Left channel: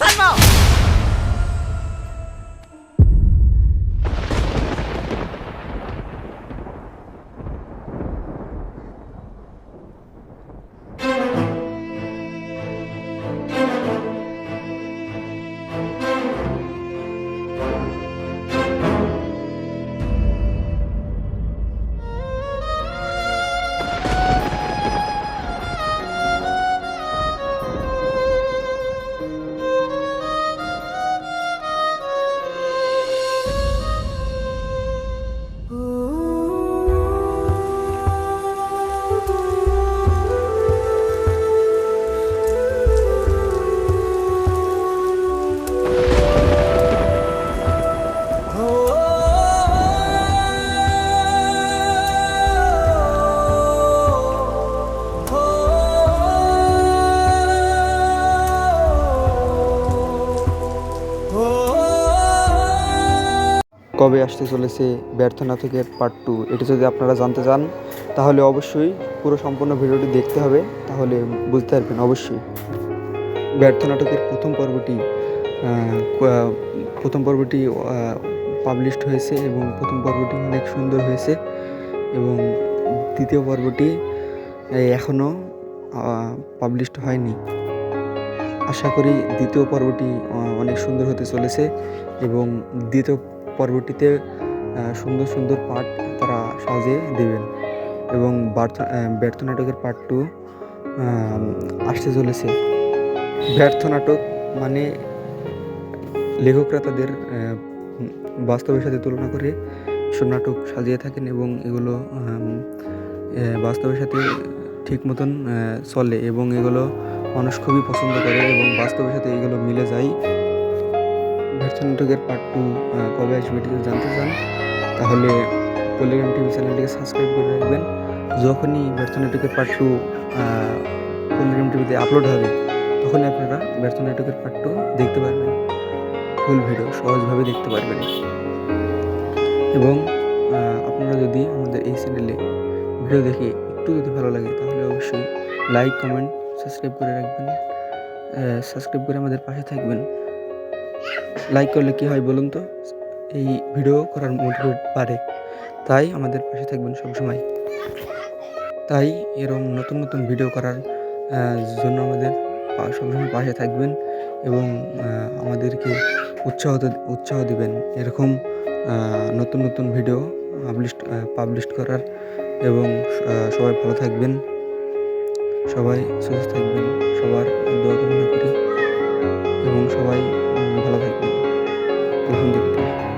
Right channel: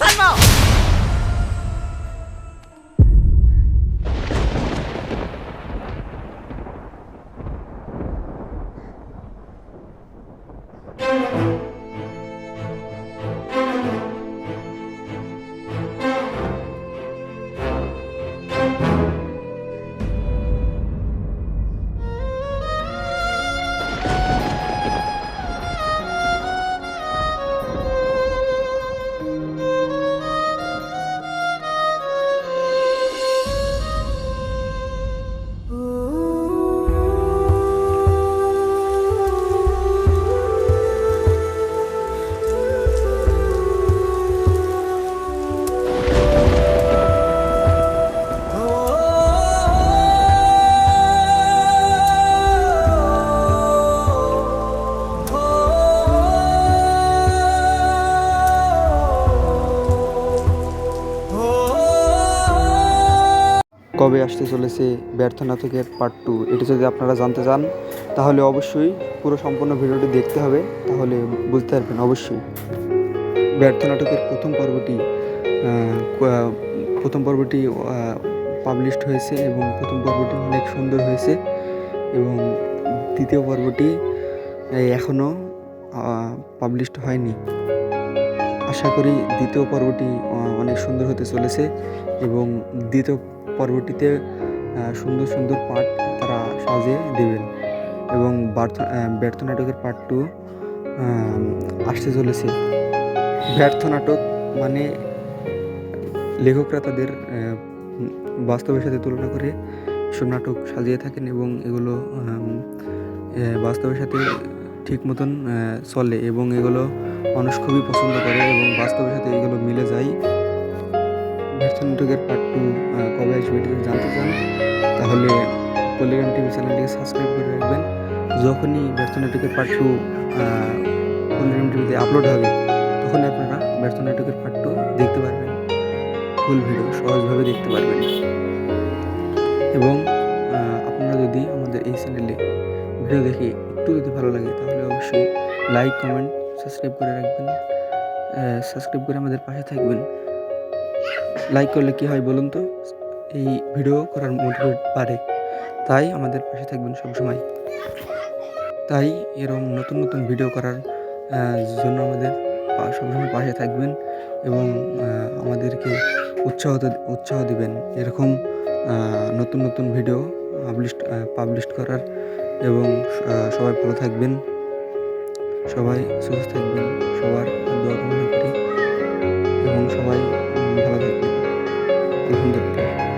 Bánh. কবে আসতে চলেছে ব্যর্থ নাটকের পার্ট টু এটি যদি আপনারা জানতে চান, তাহলে অবশ্যই পুরো সম্পূর্ণ ভিডিওটি দেখতে হবে, তাহলে বুঝতে পারবেন অবশ্যই। ব্যর্থ নাটকের প্রথম পর্বটি প্রথম পর্বটি পাবলিশড হয়েছে এবং প্রথম পর্বটি অনেক সুন্দর হয়েছে এবং দ্বিতীয় পর্বটি এখনও পাবলিশড হয়নি। আশা করি দ্বিতীয় পর্বটি অনেক সুন্দর হতে চলেছে এবং দ্বিতীয় পর্বটিতে সুন্দর সুন্দর পার্ট তারা সাজিয়ে দেবেন। এবং ব্যর্থ নাটকের পার্ট টু আসতে চলেছে। ব্যর্থ নাটক মানে লেখকরা তাদের বাস্তবের সাথে তুলনা করে সব নাটক সাজিয়ে থাকেন এবং এগুলো বাস্তবের সাথে ঠিক মতন চলে এবং এগুলো মানুষ খুবই পছন্দ করে এবং বাস্তবের সাথে এগুলো মিলে যায়। ব্যর্থ নাটকের পার্ট টু কবে আসবে এটি জানতে চান, তাহলে পল্লিগ্রাম টিভি চ্যানেলটিকে সাবস্ক্রাইব করে রাখবেন। যখনই ব্যর্থ নাটকের পার্ট টু পল্লিগ্রাম টিভিতে আপলোড হবে, তখনই আপনারা ব্যর্থ নাটকের পার্ট টু দেখতে পারবেন। ফুল ভিডিও সহজভাবে দেখতে পারবেন। এবং আপনারা যদি আমাদের এই চ্যানেলে ভিডিও দেখে একটু যদি ভালো লাগে, তাহলে অবশ্যই লাইক কমেন্ট সাবস্ক্রাইব করে রাখবেন। সাবস্ক্রাইব করে আমাদের পাশে থাকবেন। লাইক করলে কি হয় বলুন তো? এই ভিডিও করার মোটিভেট বাড়ে। তাই আমাদের পাশে থাকবেন সবসময়। তাই এরকম নতুন নতুন ভিডিও করার জন্য আমাদের সবসময় পাশে থাকবেন এবং আমাদেরকে উৎসাহ উৎসাহ দিবেন। এরকম নতুন নতুন ভিডিও পাবলিশ পাবলিশ করার এবং সবাই ভালো থাকবেন। সবাই সুস্থ থাকবেন। সবার দোয়া কামনা করি। এবং সবাই ভালো থাকবেন। আলহামদুলিল্লাহ